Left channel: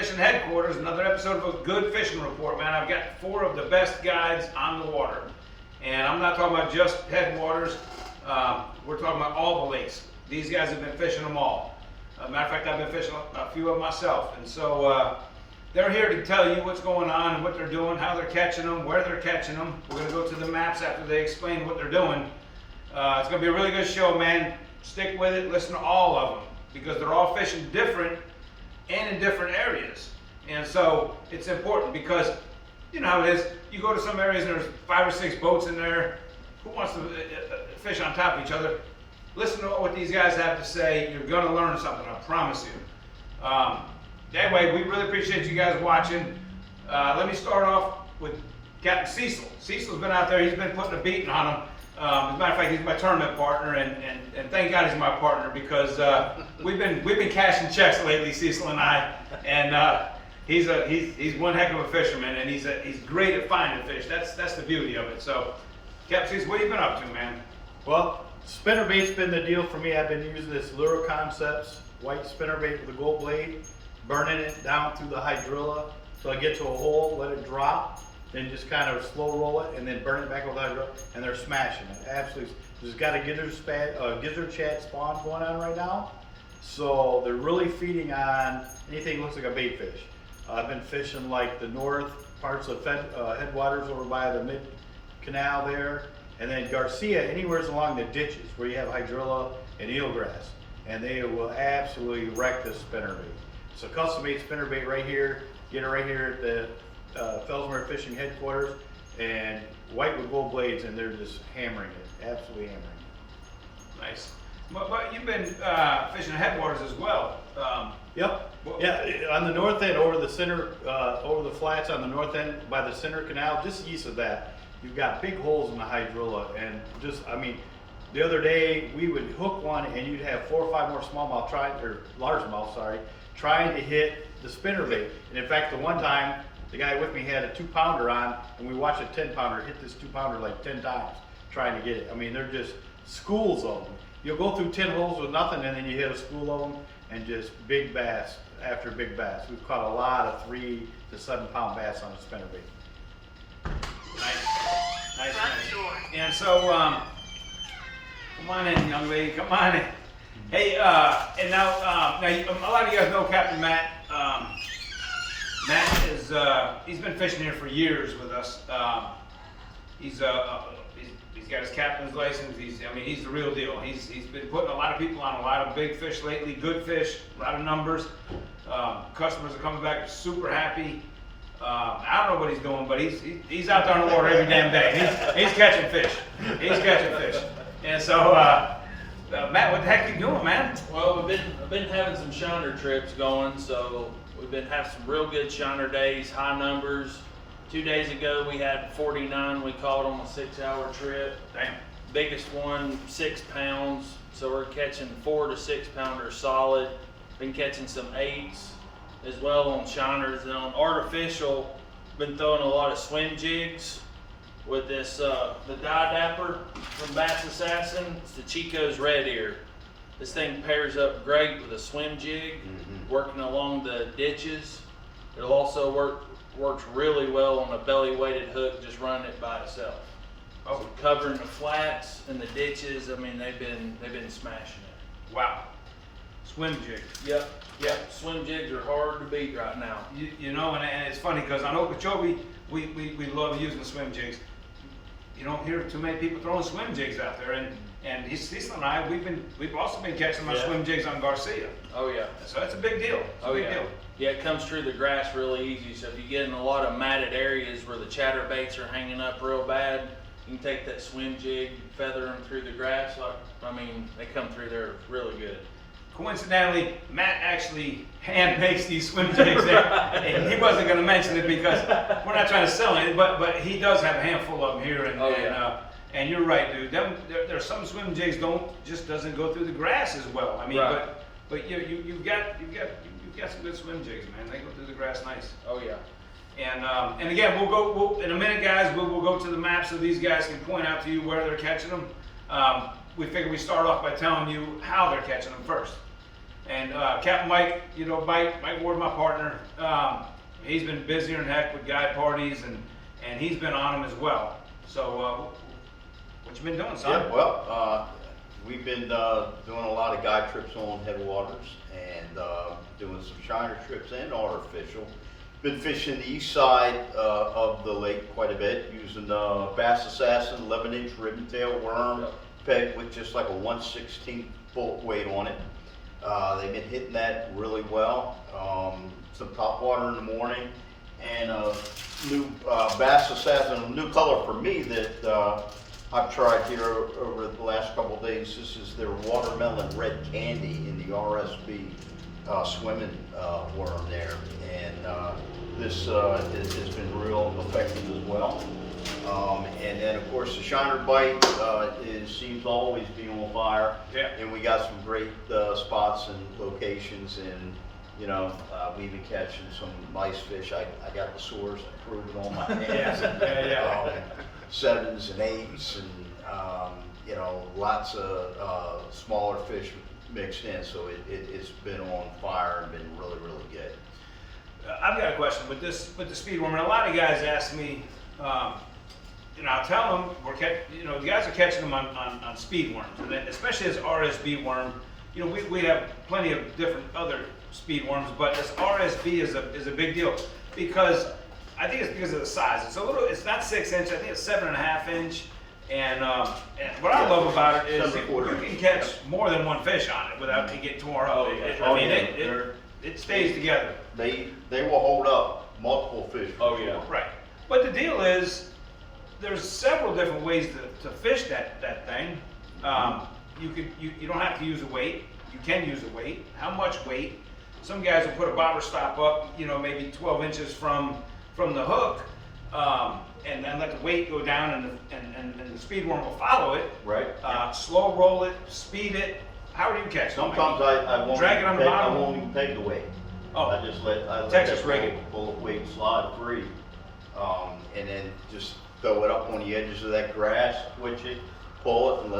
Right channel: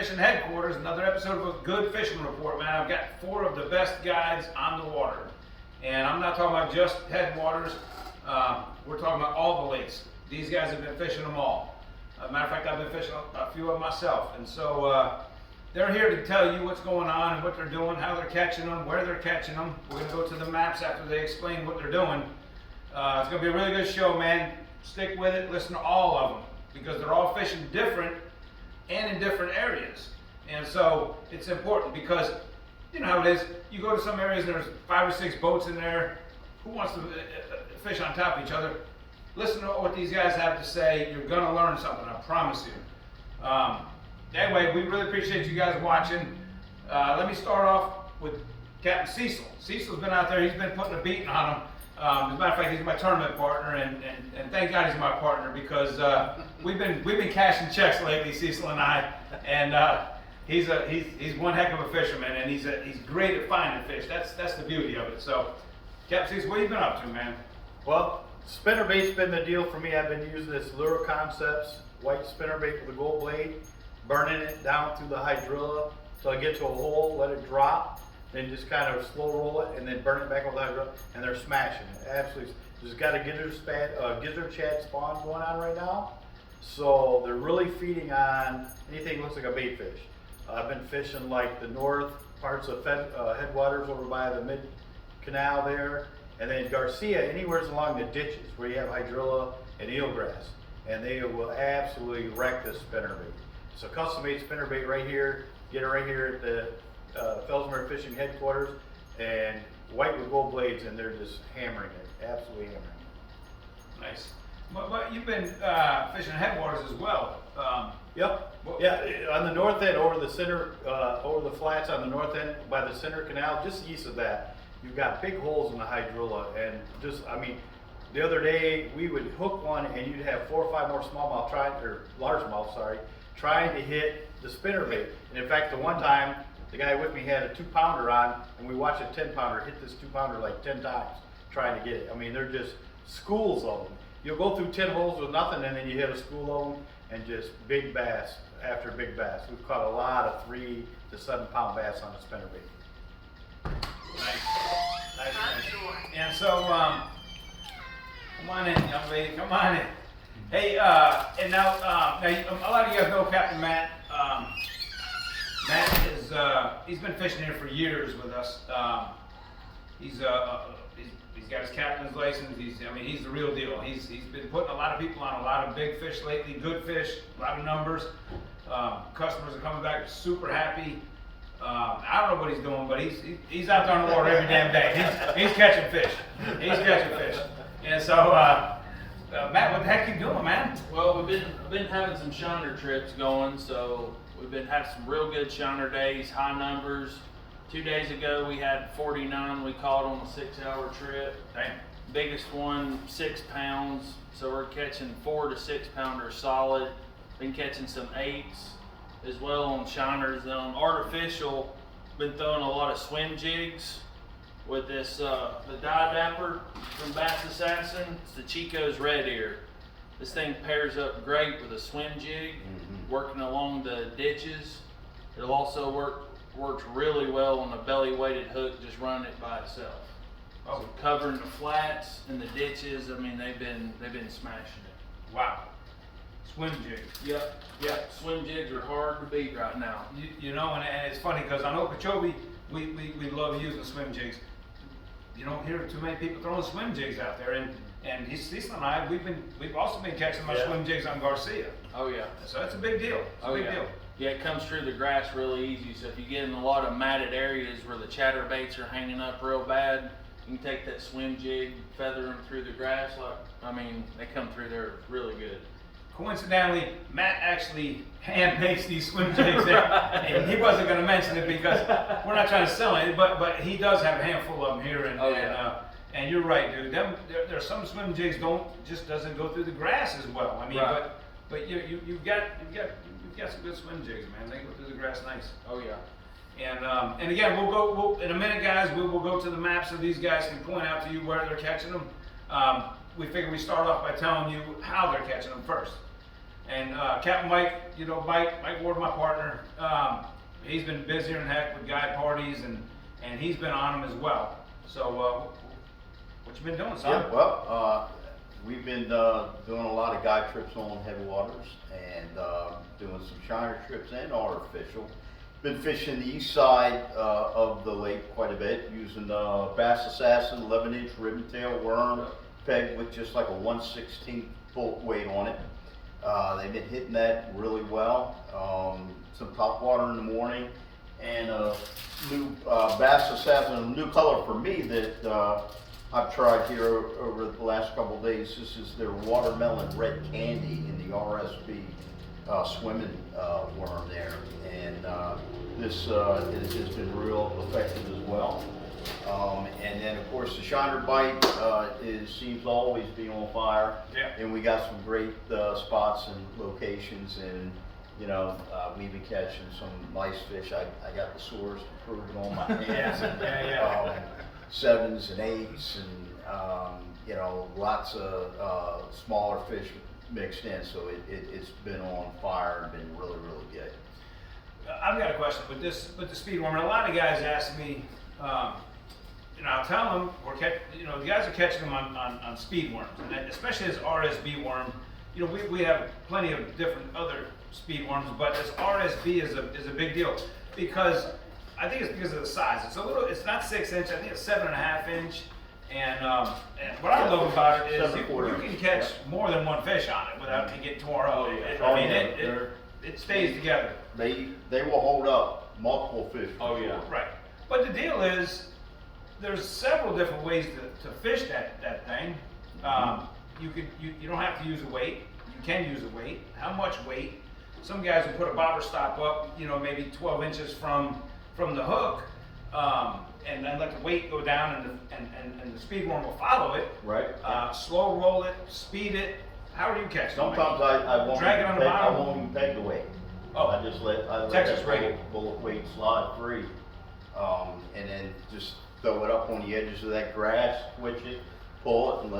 Fishing Headquarters, another episode of a good fishing report, man. I've got 4 of the best guides on the water. And I'm not talking about just Headwaters, we're talking about all the lakes. These guys have been fishing them all. Matter of fact, I've been fishing a few of them myself. And so they're here to tell you what's going on and what they're doing, how they're catching them, where they're catching them. We're gonna go to the maps after they explain what they're doing. It's gonna be a really good show, man. Stick with it, listen to all of them, because they're all fishing different and in different areas. And so it's important because you know how it is. You go to some areas and there's 5 or 6 boats in there. Who wants to fish on top of each other? Listen to what these guys have to say. You're gonna learn something, I promise you. Anyway, we really appreciate you guys watching. Let me start off with Captain Cecil. Cecil's been out there, he's been putting a beating on them. As a matter of fact, he's my tournament partner, and thank God he's my partner, because we've been cashing checks lately, Cecil and I, and he's one heck of a fisherman, and he's great at finding fish. That's the beauty of it. So, Captain Cecil, what have you been up to, man? Well, spinnerbait's been the deal for me. I've been using this Lure Concepts white spinnerbait with a gold blade, burning it down through the hydrilla so I get to a hole, let it drop, then just kind of slow roll it, and then burn it back over the hydrilla, and they're smashing it. Absolutely. There's got a gizzard chat spawn going on right now, so they're really feeding on anything that looks like a bait fish. I've been fishing like the north parts of Headwaters over by the mid canal there, and then Garcia, anywhere along the ditches where you have hydrilla and eelgrass, and they will absolutely wreck this spinnerbait. It's a custom-made spinnerbait right here. Get it right here at the Felsmere Fishing Headquarters, and white with gold blades, and they're just hammering it, absolutely hammering it. Nice. But you've been fishing Headwaters as well. Yep. Yeah, on the north end, over the center, over the flats on the north end by the center canal, just east of that, you've got big holes in the hydrilla, and just, I mean, the other day we would hook one and you'd have 4 or 5 more smallmouth largemouth, trying to hit the spinnerbait. And in fact, the one time the guy with me had a 2-pounder on, and we watched a 10-pounder hit this 2-pounder like 10 times trying to get it. I mean, they're just schools of them. You'll go through 10 holes with nothing, and then you hit a school of them, and just big bass after big bass. We've caught a lot of 3 to 7 pound bass on a spinnerbait. Nice. And so, come on in, young lady, come on in. Hey, and now a lot of you guys know Captain Matt. Matt is, he's been fishing here for years with us. He's got his captain's license. He's the real deal. He's been putting a lot of people on a lot of big fish lately, good fish, a lot of numbers. Customers are coming back super happy. I don't know what he's doing, but he's out there in the water every damn day. He's catching fish. He's catching fish. And so, Matt, what the heck you doing, man? Well, I've been having some shiner trips going, so we've been having some real good shiner days, high numbers. 2 days ago we had 49 we caught on a 6-hour trip. Damn. Biggest one, 6 pounds. So we're catching 4 to 6 pounders solid. Been catching some 8s as well on shiners. And on artificial, been throwing a lot of swim jigs with this, the Dye Dapper from Bass Assassin. It's the Chico's Red Ear. This thing pairs up great with a swim jig, working along the ditches. It'll also works really well on a belly weighted hook, just running it by itself. Oh. So covering the flats and the ditches, I mean, they've been smashing it. Wow. Swim jig. Yep. Swim jigs are hard to beat right now. You know, and it's funny because on Okeechobee, we love using swim jigs. You don't hear too many people throwing swim jigs out there, and Cecil and I, we've also been catching our swim jigs on Garcia. Oh yeah. So that's a big deal. It's a big deal. Yeah, it comes through the grass really easy. So if you get in a lot of matted areas where the chatterbaits are hanging up real bad, you can take that swim jig, feather them through the grass. They come through there really good. Coincidentally, Matt actually hand makes these swim jigs, right. And he wasn't going to mention it because we're not trying to sell it, but he does have a handful of them here, and you're right, dude. There's some swim jigs doesn't go through the grass as well. I mean, right. but you've got some good swim jigs, man. They go through the grass nice. Oh yeah. And again, we'll in a minute, guys. We'll go to the maps so these guys can point out to you where they're catching them. We figure we start off by telling you how they're catching them first. And Captain Mike, you know, Mike Ward, my partner, he's been busier than heck with guide parties, and he's been on them as well. So, what you been doing, son? Yeah, well, we've been doing a lot of guide trips on Headwaters and doing some shiner trips and artificial. Been fishing the east side of the lake quite a bit, using Bass Assassin 11-inch ribbon tail worm pegged with just like a 1/16 bullet weight on it. They've been hitting that really well. Some top water in the morning, and a new Bass Assassin, a new color for me that I've tried here over the last couple of days. This is their watermelon red candy in the RSB swimming worm there, and this has been real effective as well. And then of course the shiner bite seems to always be on fire. Yeah. And we got some great spots and locations, and you know, we've been catching some nice fish. I got the sores improving on my hands. Yeah. 7s and 8s, and you know, lots of smaller fish mixed in. So it's been on fire and been really, really good. I've got a question with the speed worm. And a lot of guys ask me, you know, I'll tell them the guys are catching them on speed worms, and then especially this RSB worm. You know, we have plenty of different other speed worms, but this RSB is a big deal because I think it's because of the size. It's not 6 inch. I think it's 7.5 inch. And what I love about it is you can catch more than one fish on it without it getting torn up. It stays together. They will hold up multiple fish. Oh, yeah. Right. But the deal is, there's several different ways to fish that thing. You don't have to use a weight. You can use a weight. How much weight? Some guys will put a bobber stop up, you know, maybe 12 inches from the hook, and then let the weight go down, and the speed worm will follow it. Right. Slow roll it, speed it. How are you catching? Sometimes I won't drag it on the bottom. I won't even peg the weight. Oh. I let Texas that rig bullet weight slide free, and then just throw it up on the edges of that grass, twitch it, pull it, and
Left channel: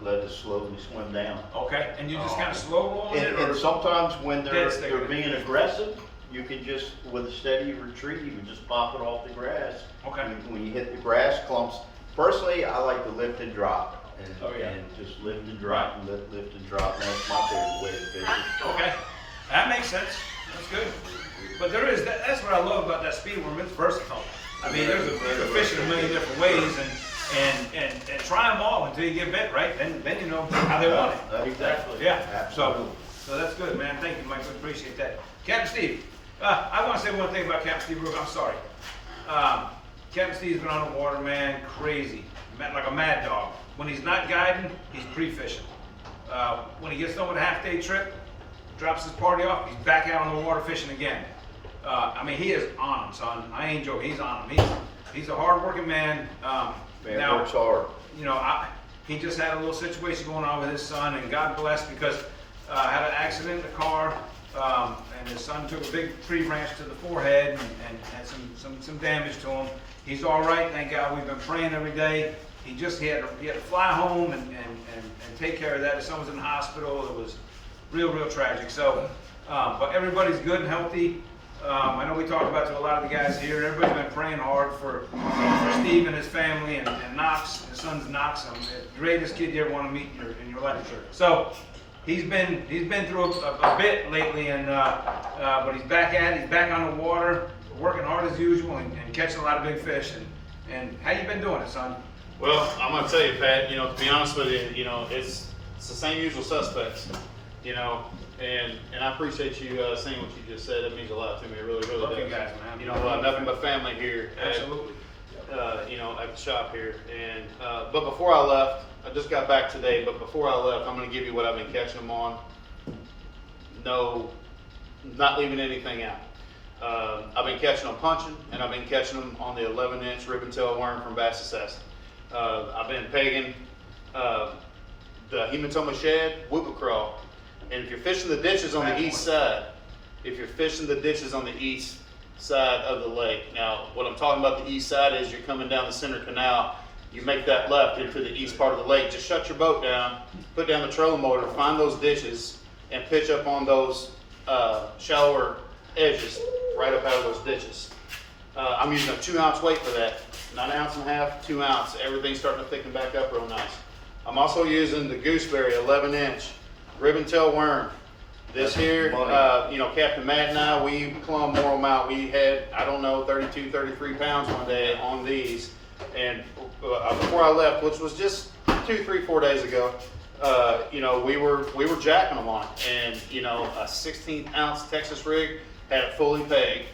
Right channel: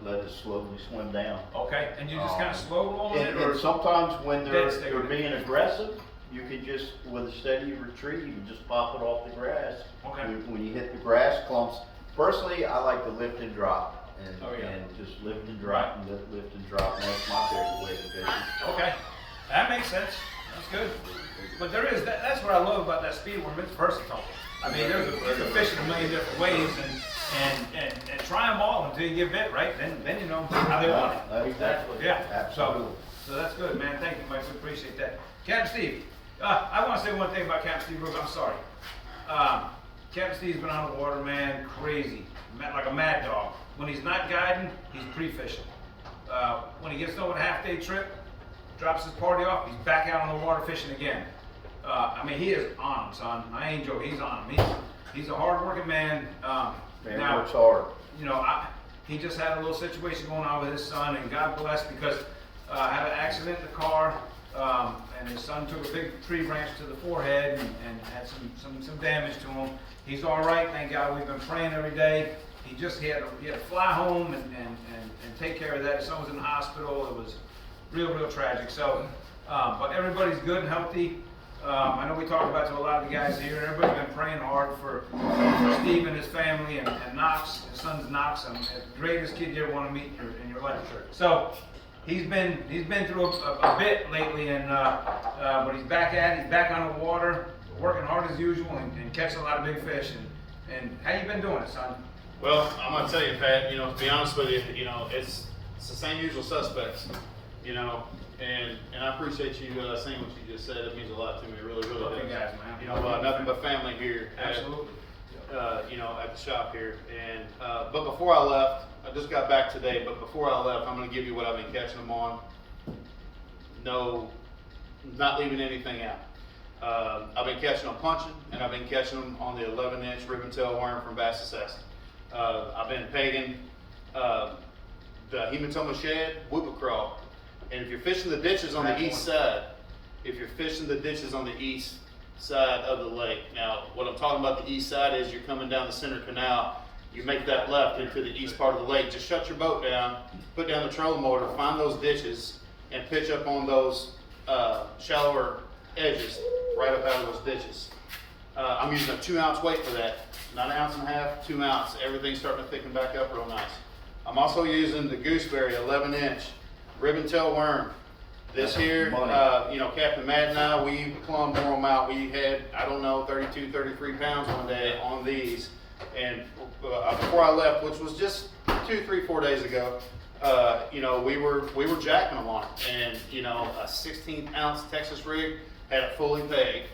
let it slowly swim down. Okay, and you just kind of slow roll it, And sometimes when they're dead being aggressive, you can just, with a steady retreat, you can just pop it off the grass. Okay. When you hit the grass clumps, personally, I like to lift and drop. And, Oh, yeah. and just lift and drop and lift and drop, and that's my favorite way to fish it. Okay, that makes sense. That's good. But that's what I love about that speed worm. It's versatile. I mean, you can fish it a million different ways, and try them all until you get bit, right? Then you know how they want it. Exactly. Yeah. Absolutely. So that's good, man. Thank you, Mike. We appreciate that. Captain Steve, I want to say one thing about Captain Steve Rook. I'm sorry. Captain Steve's been on the water, man, crazy, like a mad dog. When he's not guiding, he's pre-fishing. When he gets done with a half-day trip, drops his party off, he's back out on the water fishing again. I mean, he is on him, son. I ain't joking. He's on him. He's a hard-working man. Man works hard. You know, he just had a little situation going on with his son, and God bless, because had an accident in the car, and his son took a big tree branch to the forehead and had some damage to him. He's all right, thank God. We've been praying every day. He had to fly home and take care of that. His son was in the hospital. It was real tragic. So, but everybody's good and healthy. I know we talked about to a lot of the guys here. Everybody's been praying hard for Steve and his family, and Knox, his son's Knox. The greatest kid you ever want to meet in your life. So he's been through a bit lately, and but he's back at it. He's back on the water, working hard as usual, and catching a lot of big fish. And how you been doing it, son? Well, I'm gonna tell you, Pat. You know, to be honest with you, you know, it's the same usual suspects. You know, and I appreciate you saying what you just said. That means a lot to me. It really Love does. you guys, man. You know, nothing but family here. Absolutely. You know, at the shop here. And but before I left, I just got back today. But before I left, I'm gonna give you what I've been catching them on. No, not leaving anything out. I've been catching them punching, and I've been catching them on the 11-inch ribbon tail worm from Bass Assassin. I've been pegging the hematoma shad, whoopie crawl, and if you're fishing the ditches on the east side, of the lake. Now, what I'm talking about the east side is you're coming down the center canal, you make that left into the east part of the lake. Just shut your boat down, put down the trolling motor, find those ditches, and pitch up on those shallower edges right up out of those ditches. I'm using a 2 ounce weight for that, not an ounce and a half, 2 ounce. Everything's starting to thicken back up real nice. I'm also using the Gooseberry 11-inch ribbon tail worm. This here, you know, Captain Matt and I, we plumb wore them out. We had, I don't know, 32, 33 pounds one day on these. And before I left, which was just 2, 3, 4 days ago, you know, we were jacking them on it. And, you know, a 16-ounce Texas rig had it fully pegged.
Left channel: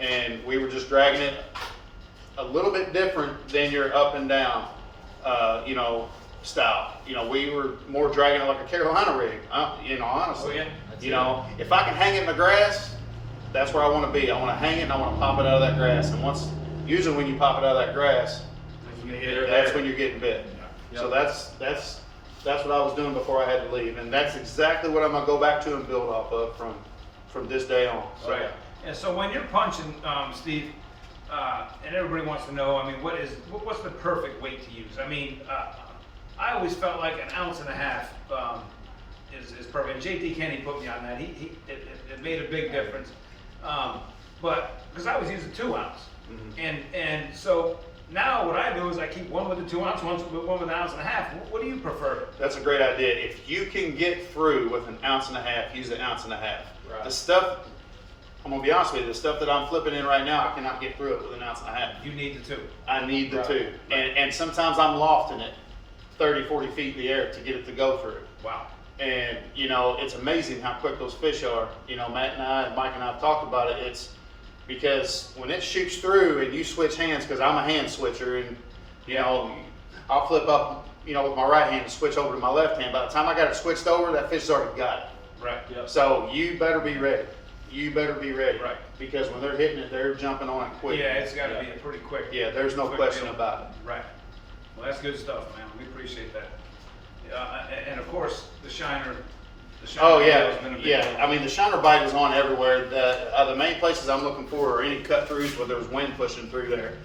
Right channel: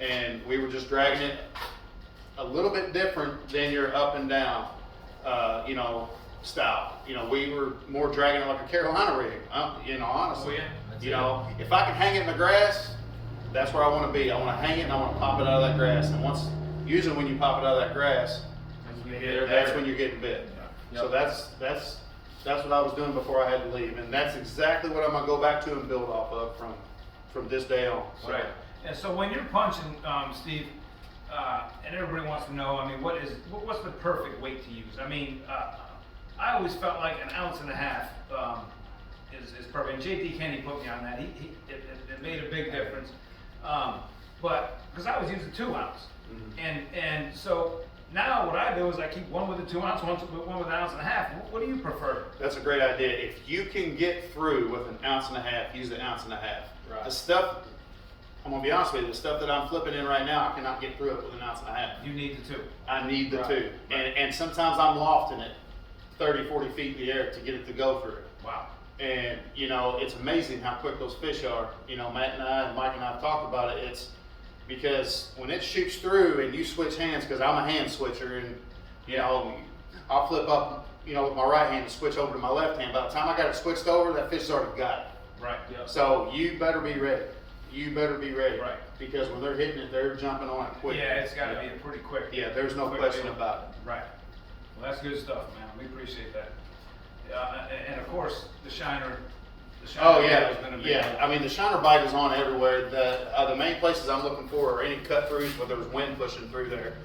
And we were just dragging it a little bit different than your up and down, you know, style. You know, we were more dragging it like a Carolina rig, you know, honestly. Oh, yeah. You know, if I can hang it in the grass, that's where I want to be. I want to hang it and I want to pop it out of that grass. And usually when you pop it out of that grass, that's when you're getting bit. Yep. So that's what I was doing before I had to leave. And that's exactly what I'm going to go back to and build off of from this day on. So, Right. And so when you're punching, Steve, and everybody wants to know, I mean, what's the perfect weight to use? I mean, I always felt like an ounce and a half is perfect. And JT Kenny put me on that. It made a big difference. But because I was using 2 ounce, and so now what I do is I keep one with a 2 ounce, one with an ounce and a half. What do you prefer? That's a great idea. If you can get through with an ounce and a half, use an ounce and a half. Right. The stuff, I'm gonna be honest with you, the stuff that I'm flipping in right now, I cannot get through it with an ounce and a half. You need the 2. I need the Right. 2. Right. And sometimes I'm lofting it 30, 40 feet in the air to get it to go through. Wow. And, you know, it's amazing how quick those fish are. You know, Matt and I and Mike and I have talked about it. It's because when it shoots through and you switch hands, because I'm a hand switcher, and, you know, I'll flip up, you know, with my right hand and switch over to my left hand. By the time I got it switched over, that fish's already got it. Right. Yep. So you better be ready. You better be ready. Right. Because when they're hitting it, they're jumping on it quick. Yeah, it's got to be a pretty quick. Yeah, there's no quick question deal. about it. Right. Well, that's good stuff, man. We appreciate that. And of course, the shiner. Oh deal yeah, has been a big yeah. deal. I mean, the shiner bite is on everywhere. The main places I'm looking for are any cut throughs where there's wind pushing through there.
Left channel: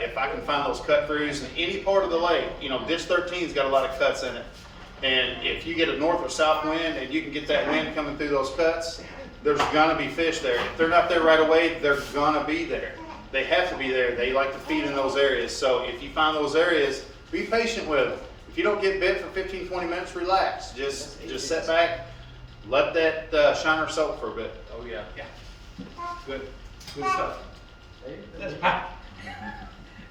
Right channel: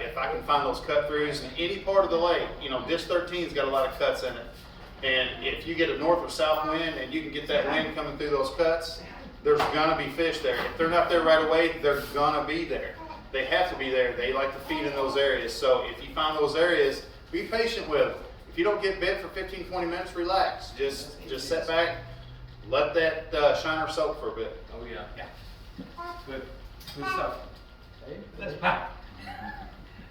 If I can find those cut throughs in any part of the lake, you know, Ditch 13's got a lot of cuts in it. And if you get a north or south wind and you can get that wind coming through those cuts, there's gonna be fish there. If they're not there right away, they're gonna be there. They have to be there. They like to feed in those areas. So if you find those areas, be patient with them. If you don't get bit for 15, 20 minutes, relax. Just sit back, let that shiner soak for a bit. Oh yeah. Yeah. Good stuff. Let's pop.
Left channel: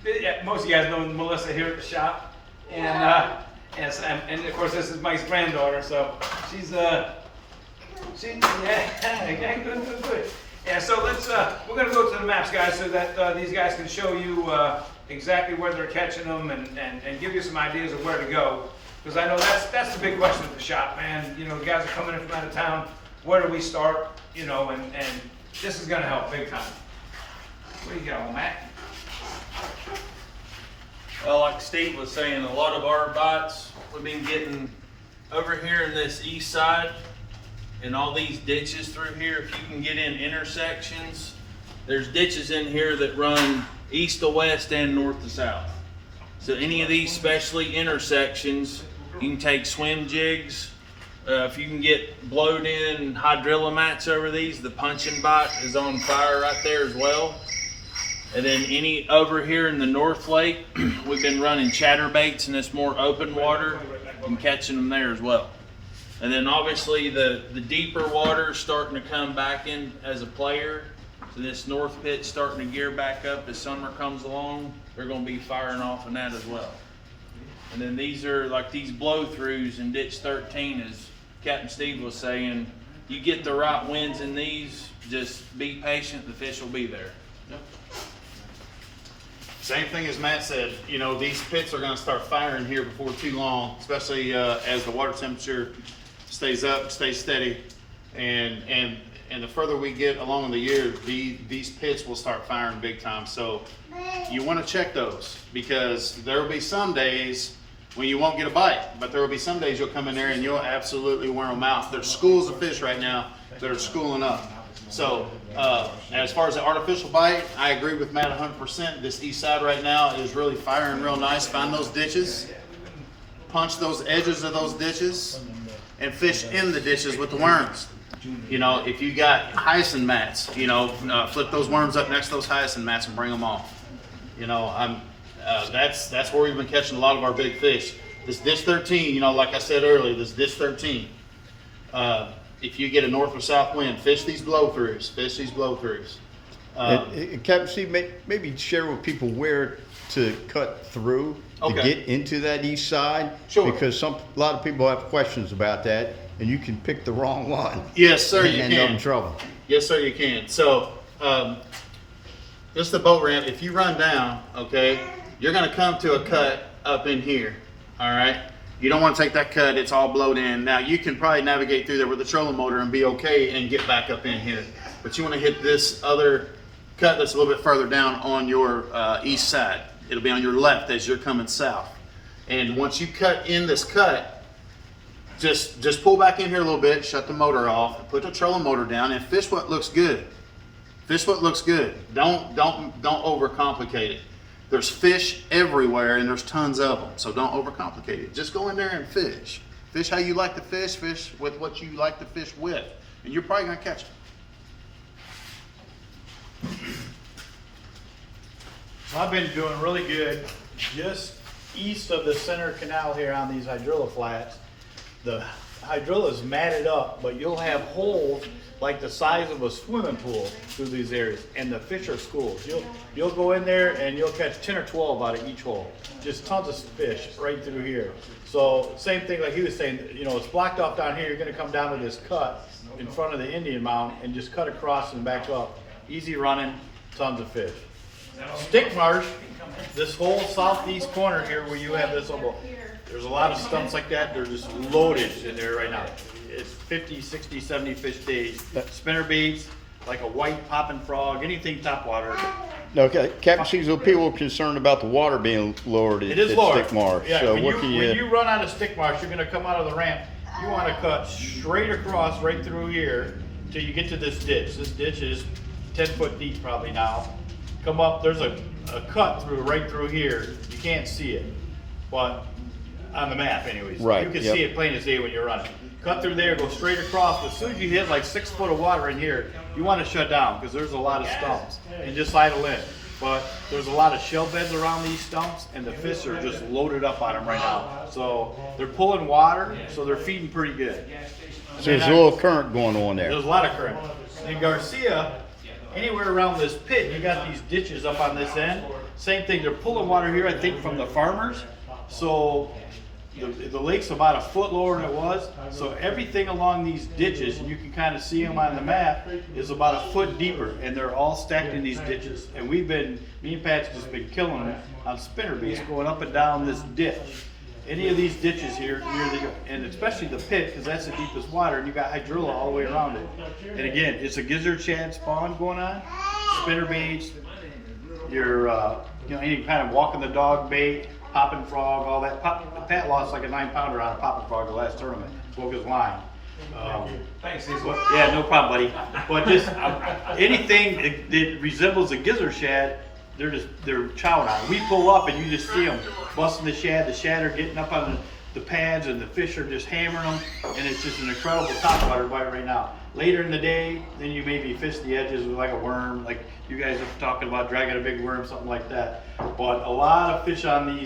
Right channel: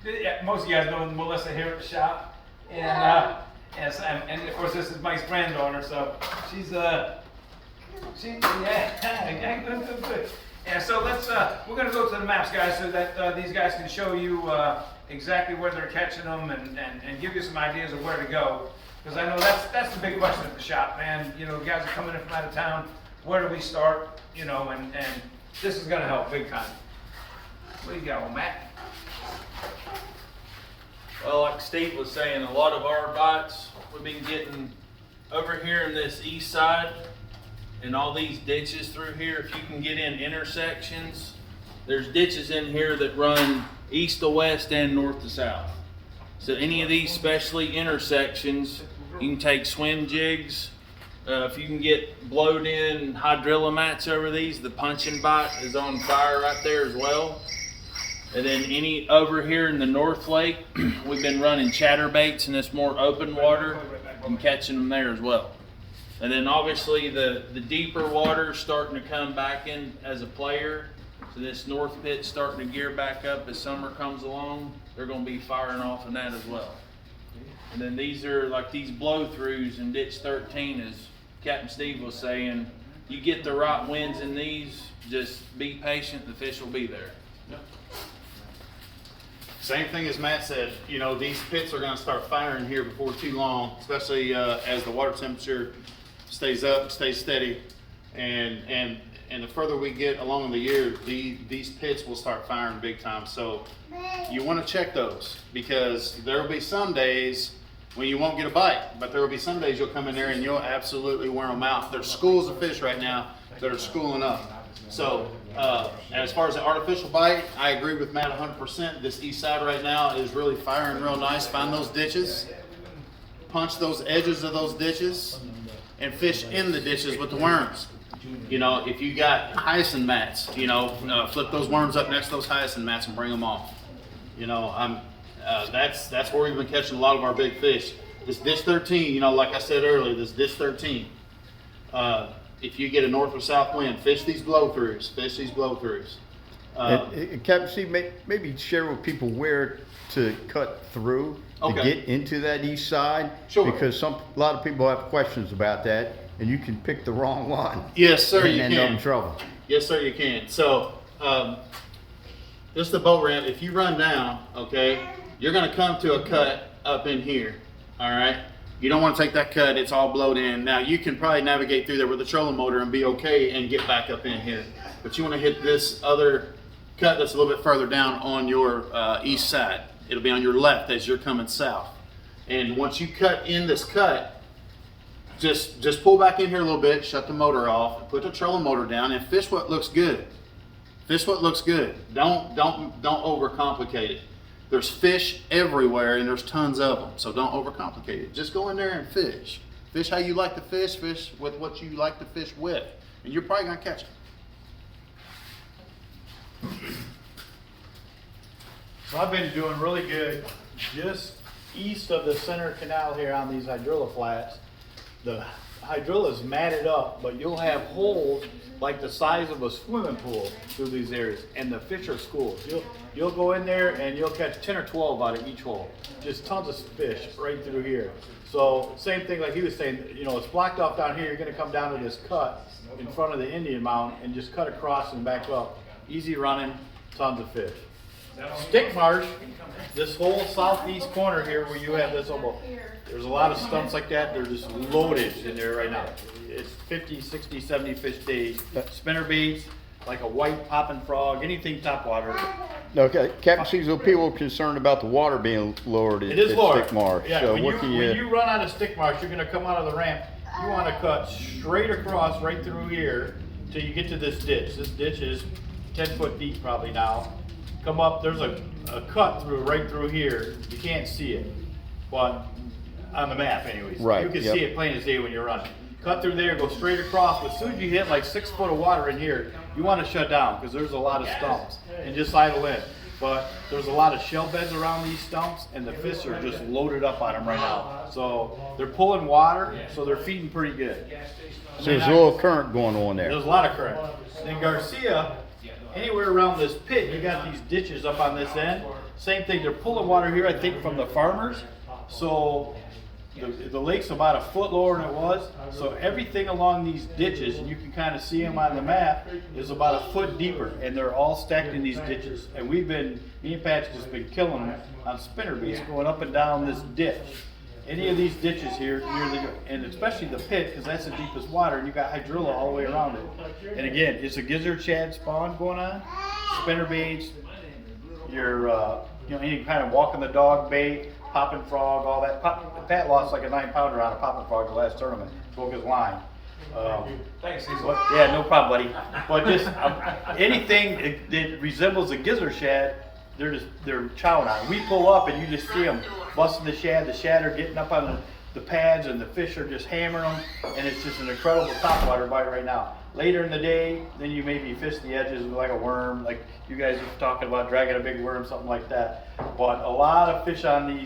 Yeah, most of you guys know Melissa here at the shop, and yes, and of course this is Mike's granddaughter, so she's yeah, good. Yeah, so we're gonna go to the maps, guys, so that these guys can show you exactly where they're catching them and give you some ideas of where to go. Because I know that's the big question at the shop, man. You know, the guys are coming in from out of town. Where do we start? You know, and this is gonna help big time. What do you got, Matt? Well, like Steve was saying, a lot of our bites we've been getting over here in this east side and all these ditches through here. If you can get in intersections, there's ditches in here that run east to west and north to south. So any of these specialty intersections, you can take swim jigs. If you can get blowed in hydrilla mats over these, the punching bite is on fire right there as well. And then any over here in the North Lake, we've been running chatterbaits in this more open water and catching them there as well. And then obviously the deeper water starting to come back in as a player. So this north pit's starting to gear back up as summer comes along. They're going to be firing off in that as well. And then these are like these blow-throughs in Ditch 13, as Captain Steve was saying. You get the right winds in these, just be patient, the fish will be there. Same thing as Matt said, you know, these pits are gonna start firing here before too long, especially as the water temperature stays up, stays steady. And the further we get along in the year, these pits will start firing big time. So you wanna check those, because there will be some days when you won't get a bite, but there will be some days you'll come in there and you'll absolutely wear them out. There's schools of fish right now that are schooling up. So, as far as the artificial bite, I agree with Matt 100%. This east side right now is really firing real nice. Find those ditches, punch those edges of those ditches, and fish in the ditches with the worms. You know, if you got hyacinth mats, you know, flip those worms up next to those hyacinth mats and bring them off. You know, that's where we've been catching a lot of our big fish. This ditch 13, you know, like I said earlier, this ditch 13. If you get a north or south wind, fish these blow-throughs. Fish these blow-throughs. Captain Steve, maybe share with people where to cut through to Okay. get into that east side. Sure. Because a lot of people have questions about that, and you can pick the wrong one. Yes, sir, and you end up in can. trouble. Yes, sir, you can. So, this is the boat ramp. If you run down, okay, you're gonna come to a cut up in here, all right? You don't wanna take that cut, it's all blowed in. Now, you can probably navigate through there with a trolling motor and be okay and get back up in here. But you wanna hit this other cut that's a little bit further down on your east side. It'll be on your left as you're coming south. And once you cut in this cut, just pull back in here a little bit, shut the motor off, put the trolling motor down, and fish what looks good. Fish what looks good. Don't overcomplicate it. There's fish everywhere, and there's tons of them. So don't overcomplicate it. Just go in there and fish. Fish how you like to fish. Fish with what you like to fish with, and you're probably gonna catch them. So I've been doing really good just east of the center canal here on these hydrilla flats. The hydrilla is matted up, but you'll have holes like the size of a swimming pool through these areas, and the fish are schools. You'll go in there and you'll catch 10 or 12 out of each hole. Just tons of fish right through here. So same thing like he was saying, you know, it's blocked off down here. You're gonna come down to this cut in front of the Indian Mound and just cut across and back up. Easy running, tons of fish. Stick marsh, this whole southeast corner here where you have this almost, there's a lot of stumps like that. They're just loaded in there right now. It's 50, 60, 70 fish days. Spinner baits, like a white popping frog, anything topwater. Okay, Captain Steve, so people are concerned about the water being lowered It is at lower. Stick Marsh. Yeah, So when what can when you run out of stick marsh, you're gonna come out of the ramp. You wanna cut straight across right through here till you get to this ditch. This ditch is 10 foot deep probably now. Come up, there's a cut through right through here. You can't see it, but on the map anyways. Right, You can yep. see it plain as day when you're running. Cut through there, go straight across, but as soon as you hit like 6 foot of water in here, you wanna shut down, because there's a lot of stumps, and just idle in. But there's a lot of shell beds around these stumps, and the fish are just loaded up on them right now. So they're pulling water, so they're feeding pretty good. So there's a little current going on there. There's a lot of current. In Garcia, anywhere around this pit, you got these ditches up on this end. Same thing, they're pulling water here, I think, from the farmers. So the lake's about a foot lower than it was. So everything along these ditches, and you can kind of see them on the map, is about a foot deeper, and they're all stacked in these ditches. And me and Pat's just been killing them on spinner baits going up and down this ditch. Any of these ditches here, and especially the pit, because that's the deepest water, and you got hydrilla all the way around it. And again, it's a gizzard shad spawn going on, spinner baits, your, any kind of walking the dog bait, popping frog, all that. Pat lost like a 9-pounder on a popping frog the last tournament, broke his line. Thanks, Cecil. But, yeah, no problem, buddy. But just anything that resembles a gizzard shad, they're chowing on. We pull up and you just see them busting the shad are getting up on the pads, and the fish are just hammering them, and it's just an incredible topwater bite right now. Later in the day, then you maybe fish the edges with like a worm, like you guys are talking about dragging a big worm, something like that. But a lot of fish on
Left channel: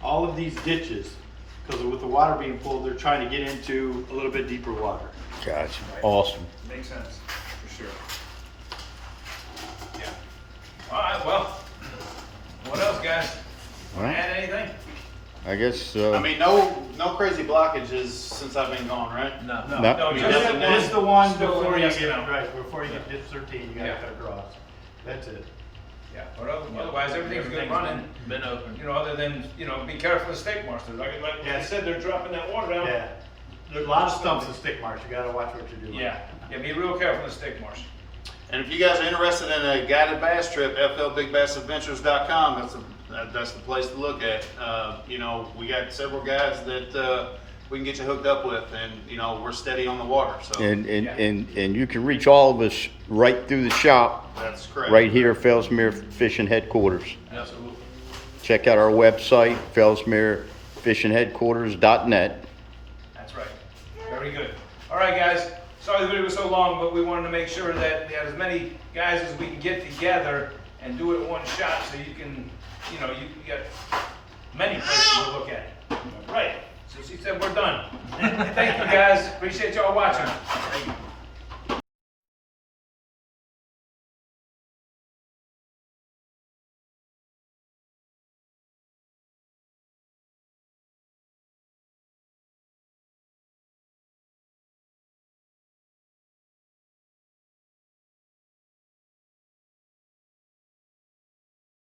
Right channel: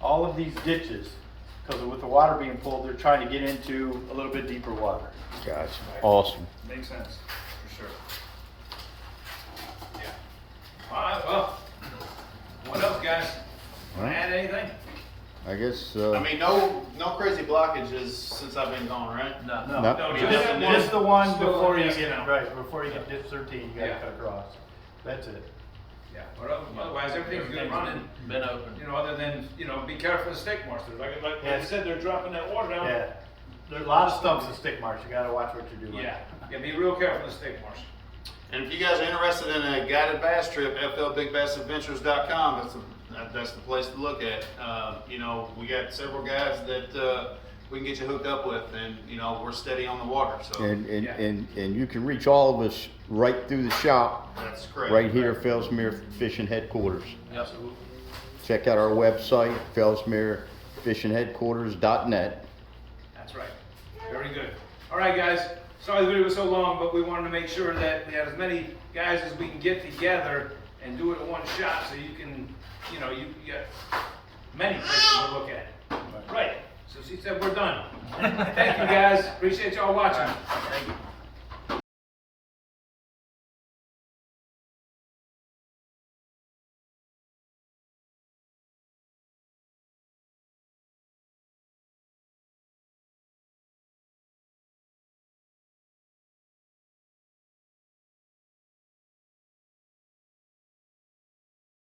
all of these ditches, because with the water being pulled, they're trying to get into a little bit deeper water. Gotcha. Awesome. Makes sense, for sure. Yeah. All right, well, what else, guys? All right. Add anything? I guess, I mean, no crazy blockages since I've been gone, right? No. No. Just the one Still before you yes, get, no. right, before you get ditch 13, you gotta Yeah. cut across. That's it. Yeah, but otherwise, everything's good running. Been open. You know, other than, be careful with stick marsh. Like I said, they're dropping that water down. Yeah. There's a lot of stumps and stick marks, you gotta watch what you're doing. Yeah, be real careful with stick marsh. And if you guys are interested in a guided bass trip, flbigbassadventures.com, that's the place to look at. We got several guys that we can get you hooked up with, and we're steady on the water. So and you can reach all of us right through the shop, that's correct. right here, Fellsmere Fishing Headquarters. Absolutely. Check out our website, fellsmerefishingheadquarters.net. That's right. Very Very good. All right, guys. Sorry the video was so long, but we wanted to make sure that we had as many guys as we can get together and do it in one shot, so you can, you know, you got many places to look at. Right. So she said we're done. Thank you, guys. Appreciate y'all watching. Thank you.